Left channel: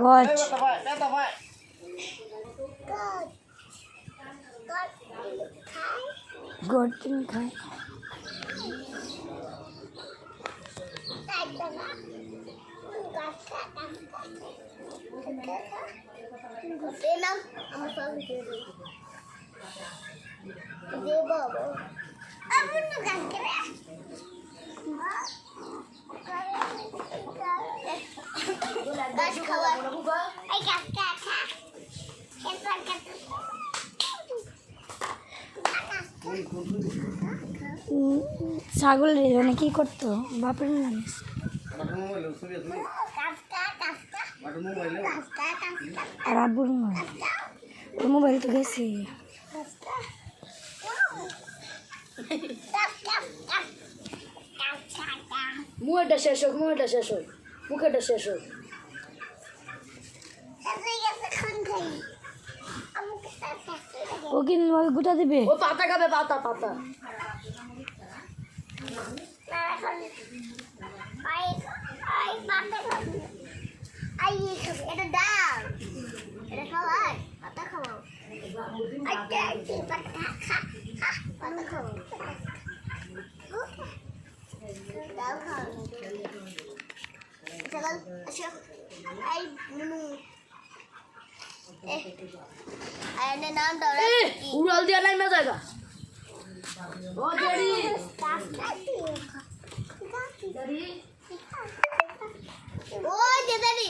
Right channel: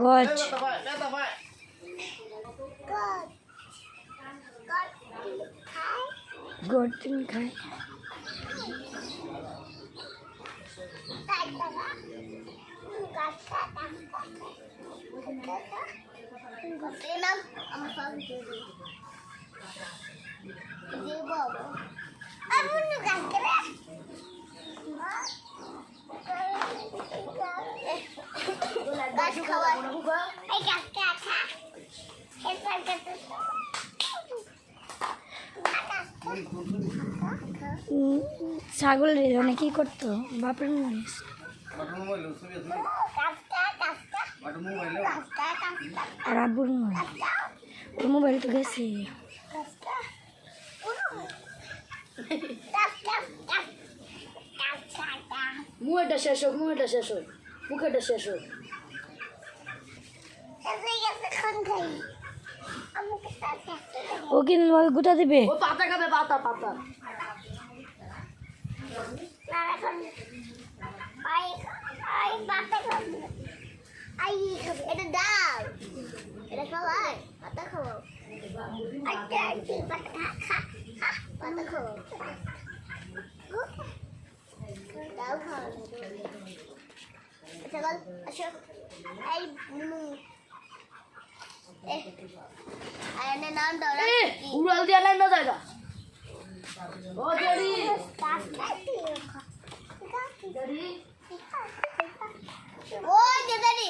গছ গর্তিন খায় ছাগল রে কি করতো বাপের জানিস আর আব্বুর মোবাইল ওর মোবাইল তো গেছে মুখটা শেষ হোক মুখটা শেষ হোক ও কিন্তু গোটা দিবে ও পাতা খাবে পাতা এটা ডাল এটা খাওয়াই পাতা খাওয়াও পাতা খাওয়াও ডাল খাওয়াও চল আসো আই নুনু আয়নের নাম দাও উড়াল দিয়া নাই না যাইবা ও জেরি ও জেরি